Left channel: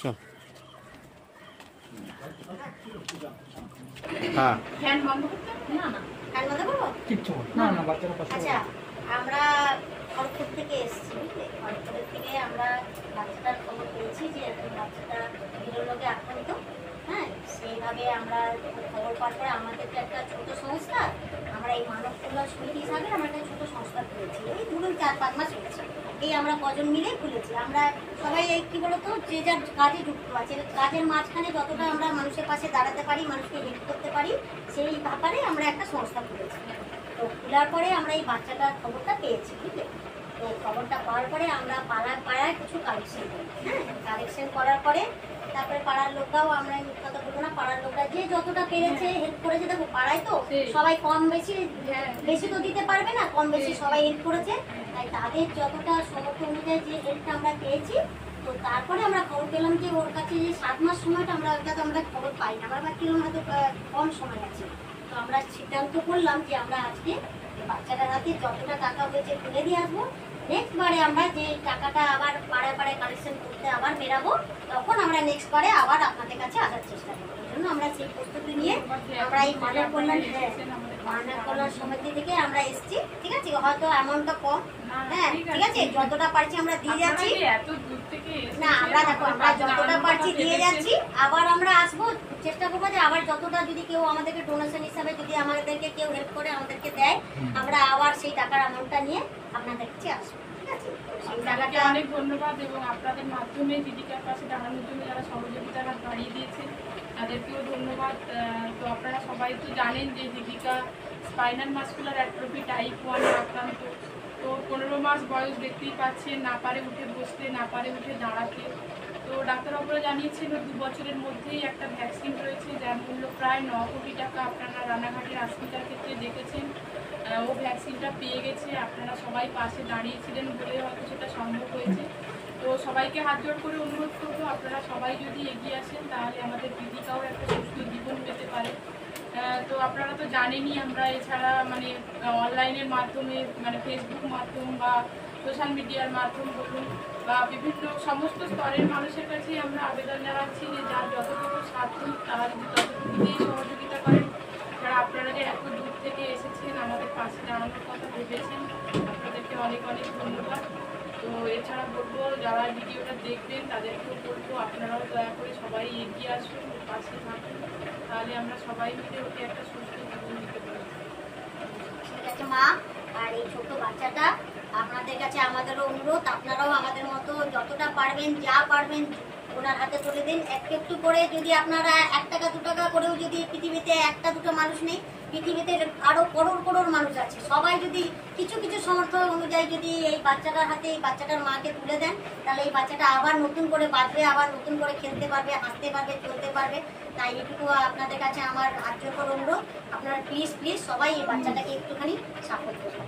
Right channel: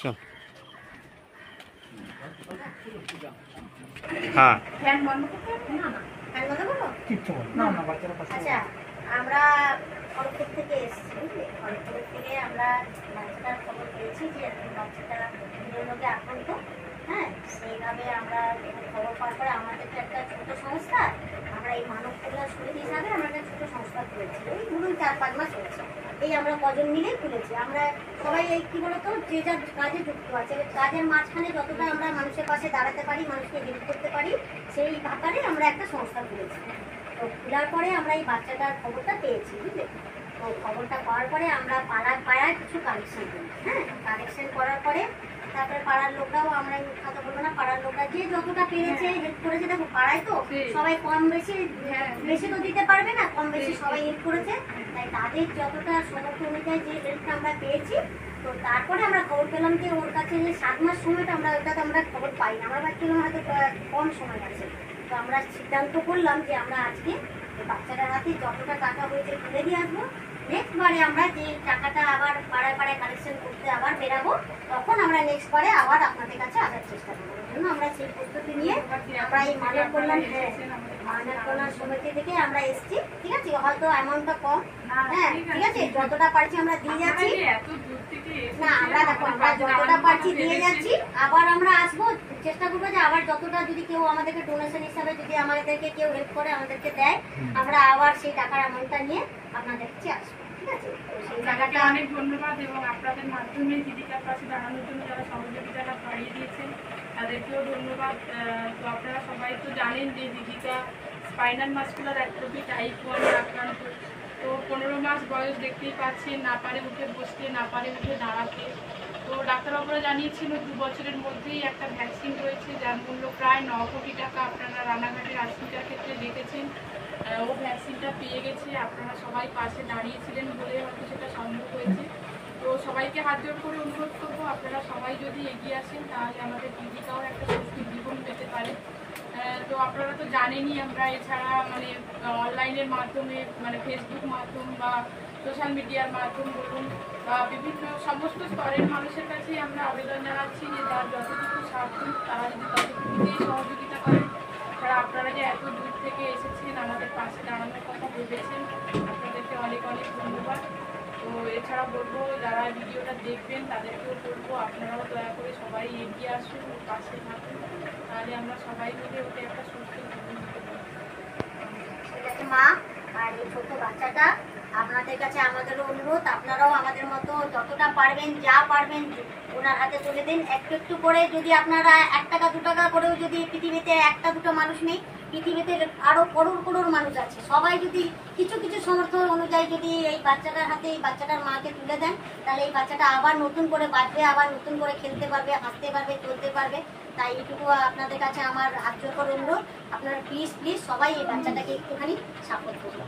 চল। হ্যাঁ আচ্ছা, আমরা খড়গপুর থেকে এসেছি, বুঝলে? খড়গপুরের থেকে আমরা বাচ্চাটার খবর পেয়েছি যে বাচ্চাটা বিরোলোকে আক্রান্ত। হ্যাঁ, সেইভাবে আমরা খবর পাওয়ার পরে আমাদের তো একটা ছোট সংস্থা, আমরা এই মানব কল্যাণ সমিতি হিসাবে আমরা একটা ছোট সংস্থা খুলেছি। এই ধরুন 4-5 মাস হয়েছে। এই আমরা কজন মিলে খুলেছি। আমরা সবাই এই কী বলতো, যে যার কাজে যুক্ত আছে, কাজের মাঝখানে যতটা আমরা মানুষের পাশে দাঁড়াতে পারি, মানুষকে হেল্প করতে পারি, সেই ব্যাপারে আমরা একটা সংস্থা খুলেছি। তো খোলার পরে আমরা এই বাচ্চাটার খবরটা পেয়েছি, বুঝলে? তো খবরটা পাওয়ার পরে আমরা পাড়ায় কিছু কালেকশন করি। হ্যাঁ, কালেকশন করার পরে তারপরে পাড়ার লোকরাও, আমরা কথা বলবো না, পাড়ার লোকরা যে যতটা পেরেছে হেল্প করেছে। দেখো পাড়ায় তো সবাই কম বেশি, বেশি তো দিতে পারবে না, কম বেশি সবাই হেল্প করেছে। তাই তাদের যতটা সমর্থ অনুযায়ী যে হেল্পটা আমরা পেয়েছি, তো তারপরে আমরা খবর পেলাম যে ওর কাছে যে 7 মাস সময়টা আমরা ওইটাতে আমরা খবর পাই না, আমরা ভাবছিলাম হয়তো কম সময় আছে। তো আমরা সিদ্ধান্ত করলাম যে আমরা আজকে বাচ্চাটার হাতে যতটা টাকা হয়েছে তুলে দিয়ে আসবো। নেক্সট বারে আমরা যে টাকাটা আবার পাড়ায় পাড়ায় কালেকশন করতে আবার বেরাবো, তখন আমরা নেক্সট বারে আবার আপনাদের কাছে আসার চেষ্টা করবো। এই জন্য আমরা সেই প্রস্তুতি নিয়ে আমরা এই মানব কল্যাণ সমিতি থেকে আমরা এসেছি। ঠিক আছে, হয়তো অ্যামাউন্টটা কম, হ্যাঁ ঠিক আছে, যতটা পারছি আমরা দিয়ে যাচ্ছি। না, আমরা দেখো আমরা যতটা পারছি দিয়ে যাচ্ছি। আবার আমরা আসবো, চেষ্টা করবো যে আবার যতটা যদি কেউ আমাদেরকে ডোনেশন হিসাবে যদি আমাদেরকে কেউ হেল্প করে, আমাদেরকে দেয়, আমরা আবার সেই টাকার অ্যামাউন্টটা নিয়ে আপনাদের কাছে আসবো। ঠিক আছে, সেই টাকাটা অনেক ধন্যবাদ। এবং আপনাদের মাধ্যমে জীবিকার পাশে দাঁড়ানোর জন্য যারা সহযোগিতাটা বাড়িয়ে দিয়েছেন তাদেরকেও ধন্যবাদ। তো আপনারা সবাই তো জানেন যে জীবিকা স্পাইনাল মাসকুলার অ্যাট্রফি টাইপ 1 আক্রান্ত। তো 15 মাস বয়স, দেখতেই পাচ্ছেন, না পারে উঠে বসতে, না পারে উঠে দাঁড়াতে। তো ডাক্তারবাবুরা জানিয়েছিল 2 বছরের মধ্যেই একটা ভ্যাকসিন রয়েছে যার মূল্য প্রায় 9 কোটি টাকা। আপনারা রানাঘাটের হসপিটাল ক্ষেত্রে দেখেছেন, ও ভ্যাকসিনটা পেয়ে গেছে। আপনারা সবাই পাশে দাঁড়িয়েছিলেন বলে হয়তো সেটা সম্ভব হয়েছে। তো সবাইকে হাত জোড় করে অনুরোধ করবো, আপনারা সবাই যদি এগিয়ে আসেন তাহলে আমাদের জীবিকাও একটা সুস্থ জীবন পেতে পারে। তো আপনারা তো জানেনই, আমরা এছাড়া মানে অনলাইনের মাধ্যমে, মানে ফেসবুক মাধ্যম বা সোশ্যাল মিডিয়ার মাধ্যম বলুন বা বিভিন্ন সমস্ত স্তরের মানুষের কাছেই আমরা আবেদন জানাচ্ছি যে যার যতটুকু সাধ্য তারা যদি ততটুকুতেই সহযোগিতা করেন। তারা আপনারা যে এত দূর থেকে এসেছেন, আমাদের পাশে দাঁড়ানোর কথা ভেবেছেন, আপনাদেরকে অনেক অনেক ধন্যবাদ। তো এছাড়া বলবো, যারা ভিডিওটা দেখবেন তাদেরকেও বলবো আপনারাও দয়া করে সবাই এগিয়ে আসুন, পাশে থাকুন, তাহলে আমরা সবাই মিলে ওকে একটা সুস্থ জীবন দিতে পারি। ঠিক আছে মা, আর এই ছোট্ট বাচ্চাটা আপনাদের কাছে আমাদেরও অনুরোধ, আপনারাও আমাদের মতো যতটা পারবেন, যা পারবেন ওনার হাতে তুলে দিন। একটু একটু করে যদি আপনারা 1 টাকা 2 টাকা করেও, যদি পৃথিবীতে 1টা 2টো মানুষ নেই, পৃথিবীতে আরো করোড় করোড় মানুষ আছে, সবাই যদি কিছু কিছু সামর্থ্য অনুযায়ী যদি এই বাচ্চাটার হাতে, এই বাচ্চাটার মাকে তুলে দেন, তাহলে এই বাচ্চাটা আবার নতুন করে বাঁচবে, আবার নতুন করে খেলতে পারবে, হাসতে পারবে, চলতে পারবে। তাই এইটুকু আপনাদের কাছে আমার হাত জোড় করে অনুরোধ, আপনারা প্লিজ প্লিজ সবাই এই বাচ্চাটাকে একটুখানি সাপোর্ট করবেন।